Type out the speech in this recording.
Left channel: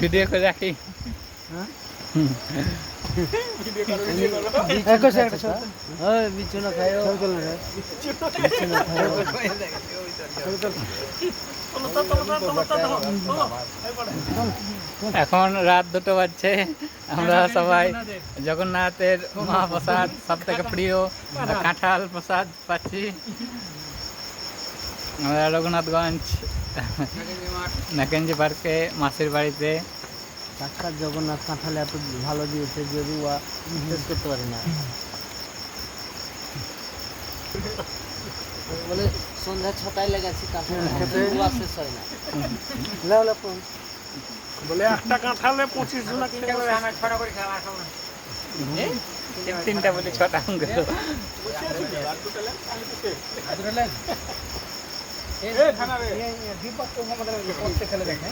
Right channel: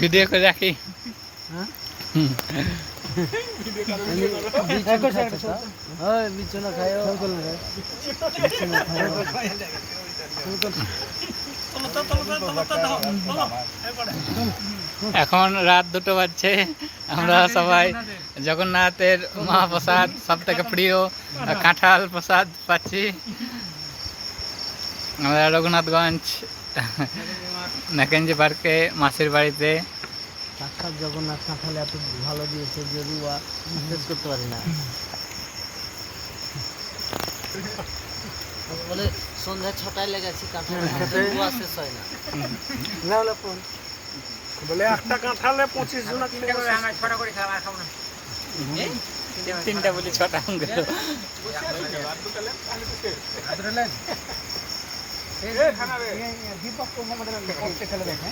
Video করে রাখি। এখন রাত 2টো বাজছে। আমরা সবাই জগন্নাথের মহাপ্রসাদ সব থেকে প্রিয় কাঁঠাল প্রসাদ পাচ্ছি। আমরা রঘুনাথগঞ্জ ম্যাকেঞ্জি পার্কে মাসির বাড়িতে। সাক্ষাৎ জগন্নাথ কাঁঠাল এত ভালো দিয়েছে যে রুয়া শেষ করতে পারি না। বলে সন্ধ্যা 6টায় লেগেছি কাঁঠাল রুয়া শেষ হয় না। বলে একটা কাঁঠালে 25 জন কিনতে হবে। আমরা 6টা করে খাওয়া খাবো না। 3টা বলে 6টা দীপক को मतलब पोस्ट खेले देखें।